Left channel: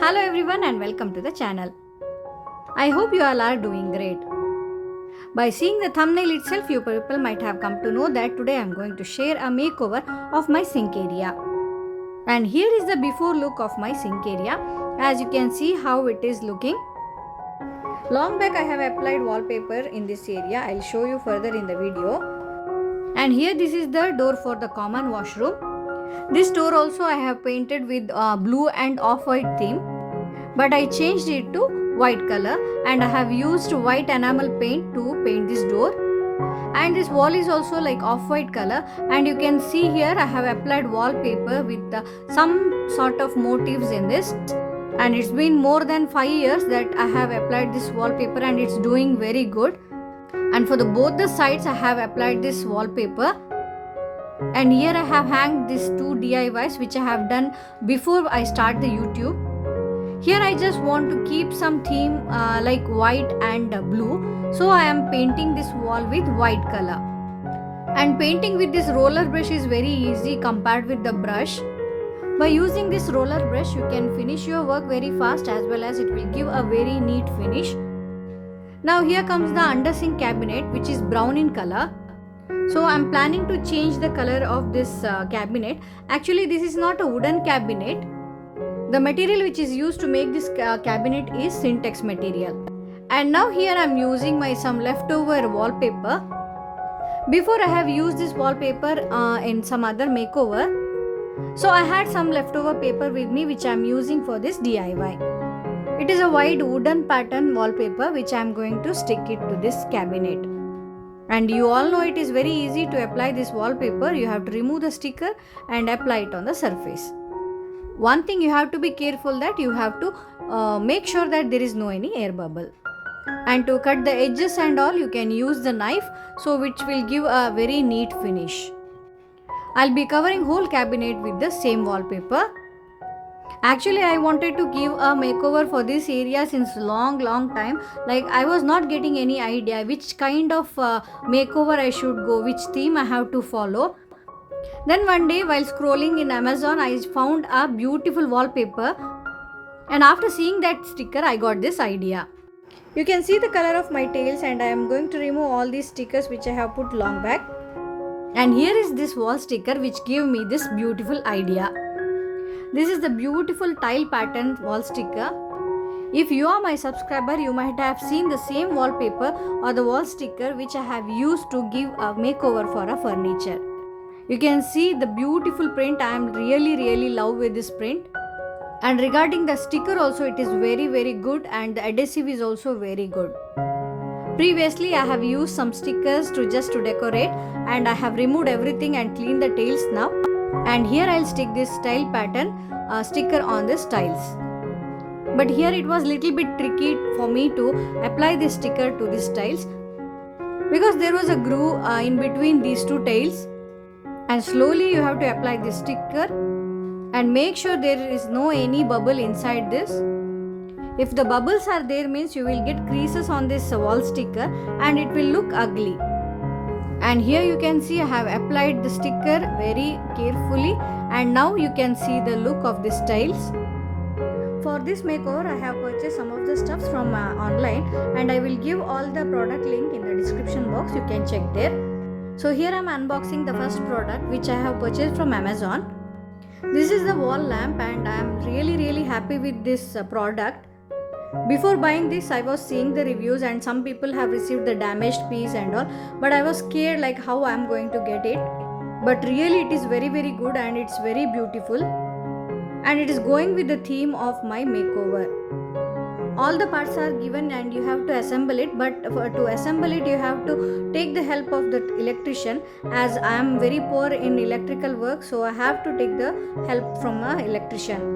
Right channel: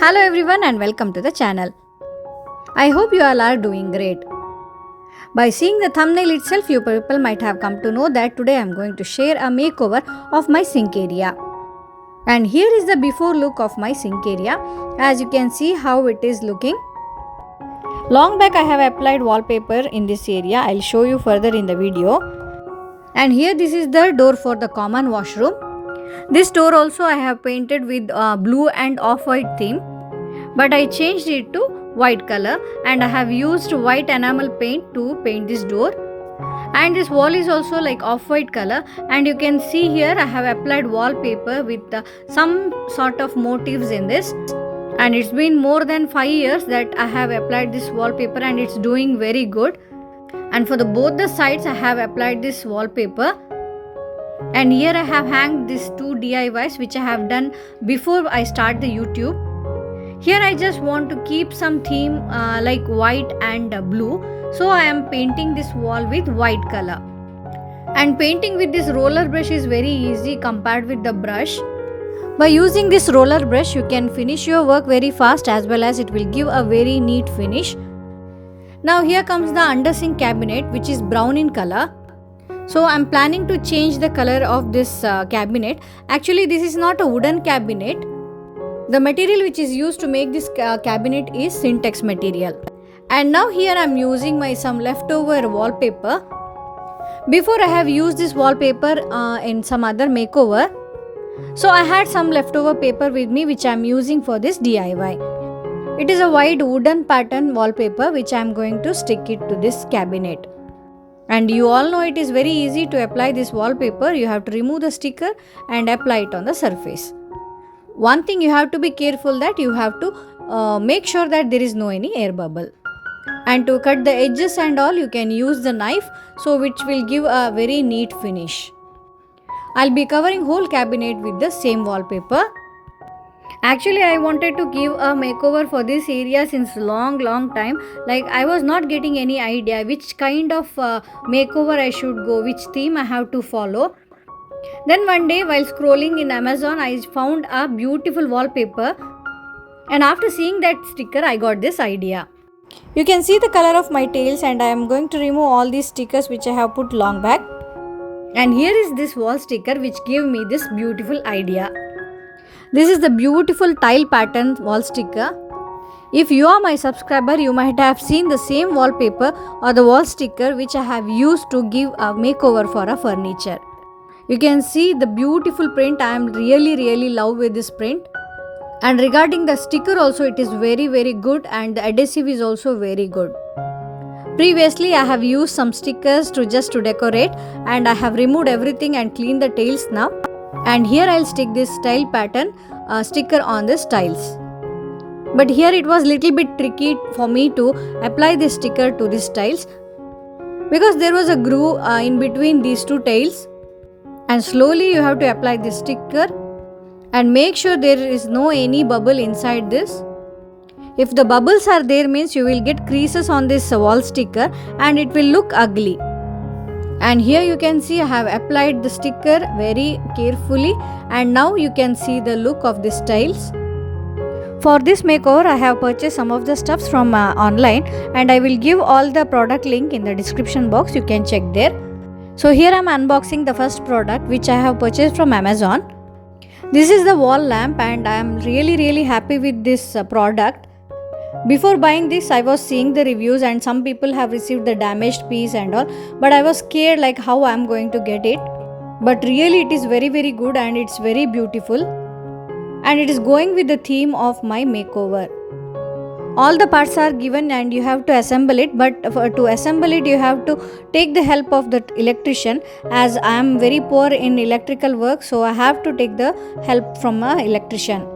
Hello everyone and welcome to the channel. I hope you all are doing great. By seeing the thumbnail itself, you people might have come to know that today I am going to share a makeover of my sink area. And here is the before look of my sink area. As you can see how it is looking. Long back I have applied wallpaper in this area. I'll show you further in the video. And here this is the door for the common washroom. This door also I have painted with blue and off-white theme, but I changed it to white color and I have used white enamel paint to paint this door. And this wall is also like off-white color, and you can see here I have applied wallpaper with some sort of motifs in this. And it's been more than 5 years that I have applied this wallpaper and it's doing very good. And for both the sides I have applied this wallpaper. And here I have hanged these two DIYs which I have done before I start the YouTube. Here I just want to keep some theme like white and blue. So I am painting this wall with white color. And painting with this roller brush is very easy compared with the brush. By using this roller brush you can finish your work very fast, as well as it will give a very neat finish. Now here comes the under sink cabinet, which is brown in color. So I am planning to change the color of this cabinet. Actually this is not a wooden cabinet. The material which is used to make this cabinet is syntex material. And now here I am using my some leftover wallpaper. Before I have used this wallpaper in some other makeover. So I had some leftover paper with me which I am using for this DIY. It is a wide wooden pattern wallpaper which I am going to stick it to this cabinet. And you all know it is very easy to apply this wallpaper. You have to remove the sticker and apply it on the surface. One thing you have to be careful that you have to make sure that there is no any air bubble. And to cut the edges and all, you can use the knife, so which will give a very neat finish. I'll be covering whole cabinet with the same wallpaper. Actually I wanted to give a makeover for this area since long time. Like I was not getting any idea which kind of makeover I should go, which theme I have to follow. Then one day while scrolling in Amazon I found a beautiful wallpaper, and after seeing that sticker I got this idea. You can see the color of my tails, and I am going to remove all these stickers which I have put long back. And here is this wall sticker which gave me this beautiful idea. This is the beautiful tile pattern wall sticker. If you are my subscriber, you might have seen the same wallpaper or the wall sticker which I have used to give a makeover for a furniture. You can see the beautiful print. I am really love with this print. And regarding the sticker also, it is very good, and the adhesive is also very good. Previously I have used some stickers to decorate, and I have removed everything and cleaned the tails now. And here I'll stick this tile pattern sticker on the tiles. But here it was little bit tricky for me to apply this sticker to these tiles, because there was a groove in between these two tiles. And slowly you have to apply this sticker and make sure there is no any bubble inside this. If the bubbles are there, means you will get creases on this wall sticker and it will look ugly. And here you can see I have applied the sticker very carefully, and now you can see the look of these tiles. For this makeover I have purchased some of the stuffs from online, and I will give all the product link in the description box. You can check there. So here I am unboxing the first product which I have purchased from Amazon. This is the wall lamp, and I am really happy with this product. Before buying this I was seeing the reviews, and some people have received the damaged piece and all, but I was scared like how I am going to get it. But really it is very good, and it's very beautiful, and it is going with the theme of my makeover. All the parts are given and you have to assemble it, but to assemble it you have to take the help of the electrician. As I am very poor in electrical work, so I have to take the help from an electrician.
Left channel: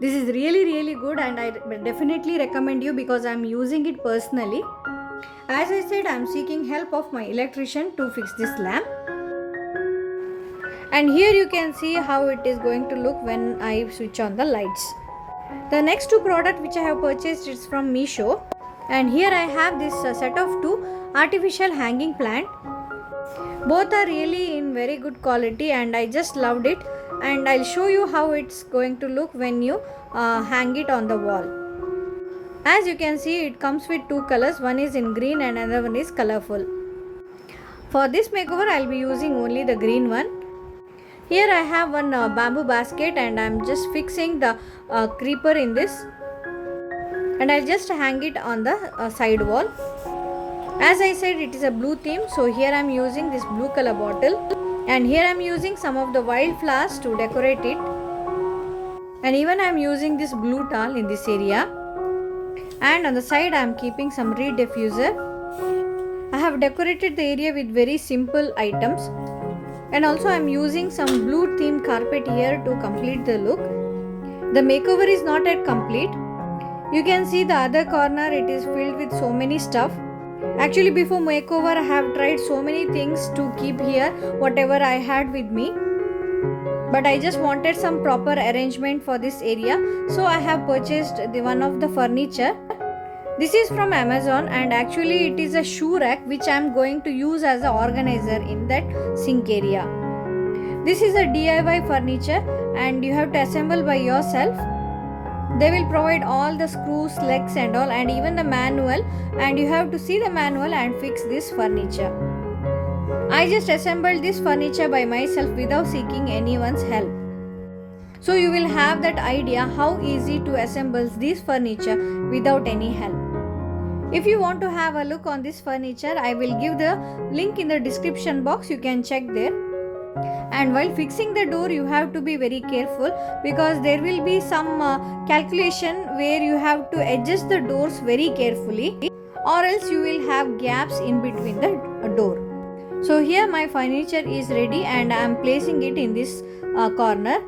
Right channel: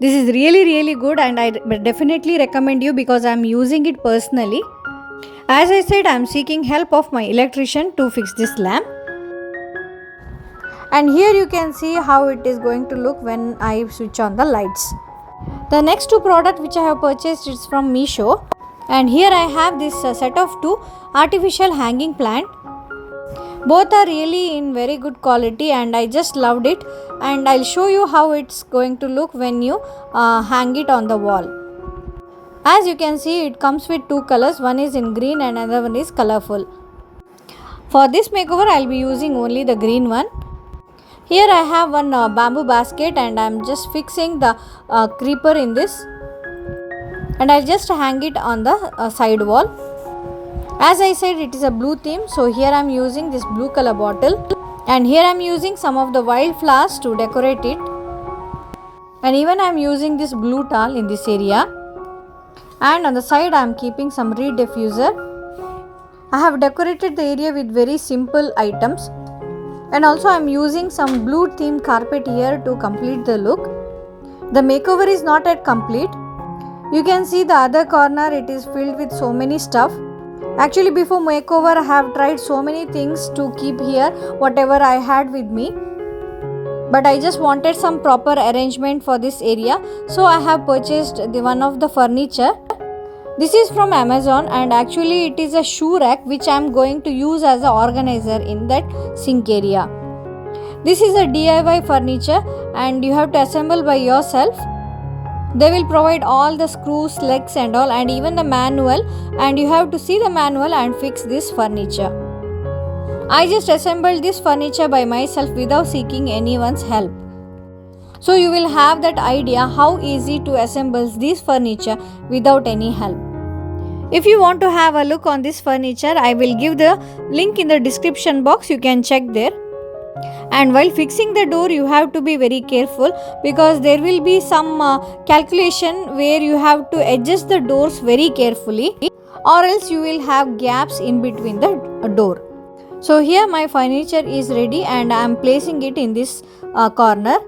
This is really good, and I definitely recommend you because I am using it personally. As I said, I am seeking help of my electrician to fix this lamp. And here you can see how it is going to look when I switch on the lights. The next two products which I have purchased is from Meesho, and here I have this set of two artificial hanging plant. Both are really in very good quality, and I just loved it. and I'll show you how it's going to look when you hang it on the wall. As you can see, it comes with two colors, one is in green and another one is colorful. For this makeover I'll be using only the green one. Here I have one bamboo basket and I'm just fixing the creeper in this, and I'll just hang it on the side wall. As I said, it is a blue theme, so here I'm using this blue color bottle, and here I'm using some of the wild flowers to decorate it, and even I'm using this blue towel in this area, and on the side I'm keeping some reed diffuser. I have decorated the area with very simple items, and also I'm using some blue theme carpet here to complete the look. The makeover is not yet complete. You can see the other corner, it is filled with so many stuff. Actually, before makeover I have tried so many things to keep here, whatever I had with me, but I just wanted some proper arrangement for this area, so I have purchased one of the furniture. This is from Amazon, and actually it is a shoe rack which I am going to use as an organizer in that sink area. This is a DIY furniture and you have to assemble by yourself. They will provide all the screws, legs and all, and even the manual, and you have to see the manual and fix this furniture. I just assembled this furniture by myself without seeking anyone's help. So you will have that idea how easy to assemble this furniture without any help. If you want to have a look on this furniture, I will give the link in the description box, you can check there. And while fixing the door, you have to be very careful because there will be some calculation where you have to adjust the doors very carefully, or else you will have gaps in between the door. So here my furniture is ready and I am placing it in this corner.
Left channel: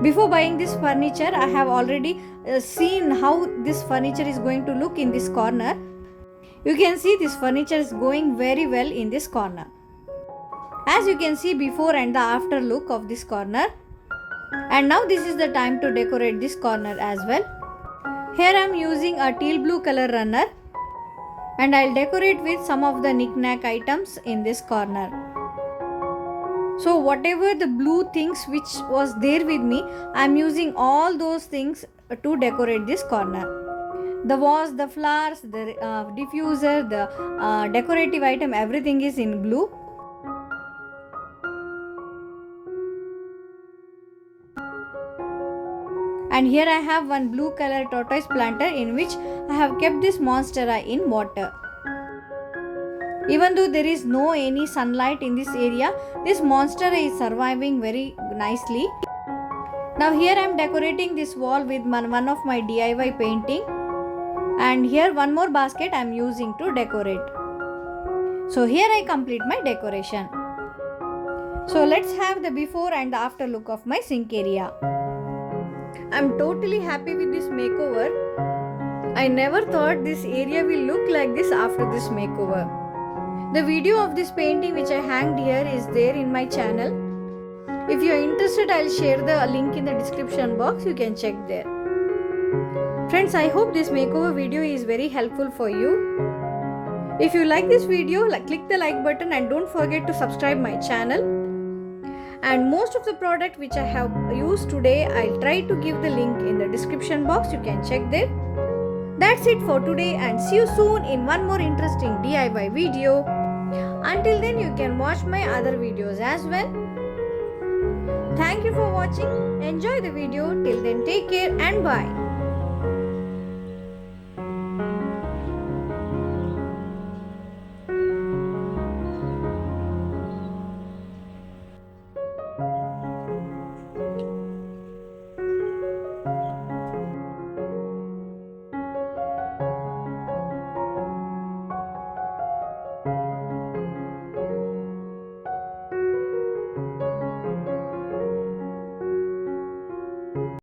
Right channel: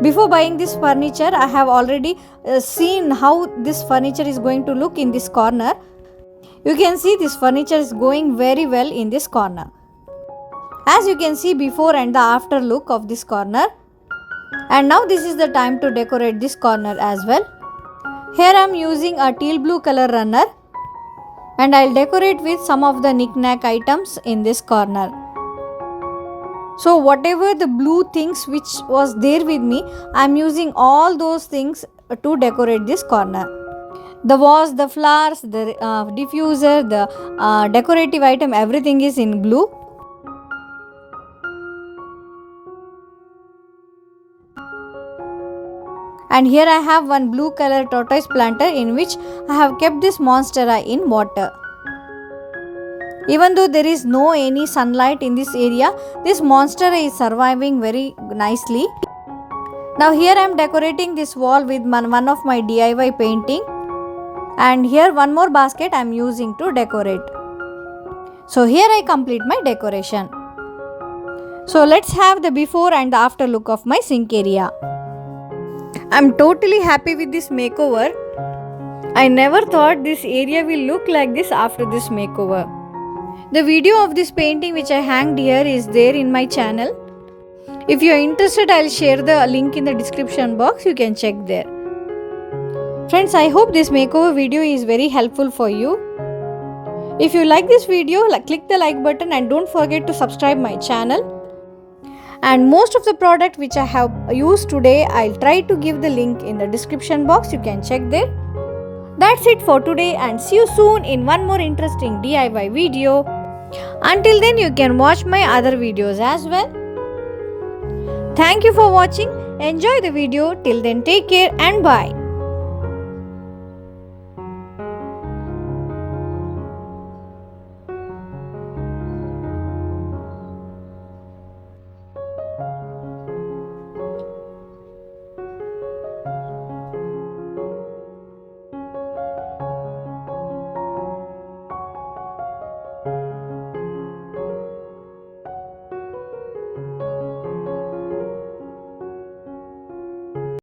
Before buying this furniture, I have already seen how this furniture is going to look in this corner. You can see this furniture is going very well in this corner. As you can see before and the after look of this corner. And now this is the time to decorate this corner as well. Here I am using a teal blue color runner, and I'll decorate with some of the knick-knack items in this corner. So whatever the blue things which was there with me, I'm using all those things to decorate this corner. The vase, the flowers, the diffuser, the decorative item, everything is in blue. And here I have one blue color tortoise planter in which I have kept this monstera in water. Even though there is no any sunlight in this area, this monstera is surviving very nicely. Now here I am decorating this wall with one of my DIY painting, and here one more basket I am using to decorate. So here I complete my decoration. So let's have the before and the after look of my sink area. I'm totally happy with this makeover. I never thought this area will look like this after this makeover. The video of this painting which I hanged here is there in my channel. If you are interested, I'll share the link in the description box. You can check there. Friends, I hope this makeover video is very helpful for you. If you like this video, click the like button and don't forget to subscribe my channel. And most of the product which I have used today, I'll try to give the link in the description box. You can check there. That's it for today, and see you soon in one more interesting DIY video. Until then, you can watch my other videos as well. Thank you for watching. Enjoy the video. Till then, take care and bye.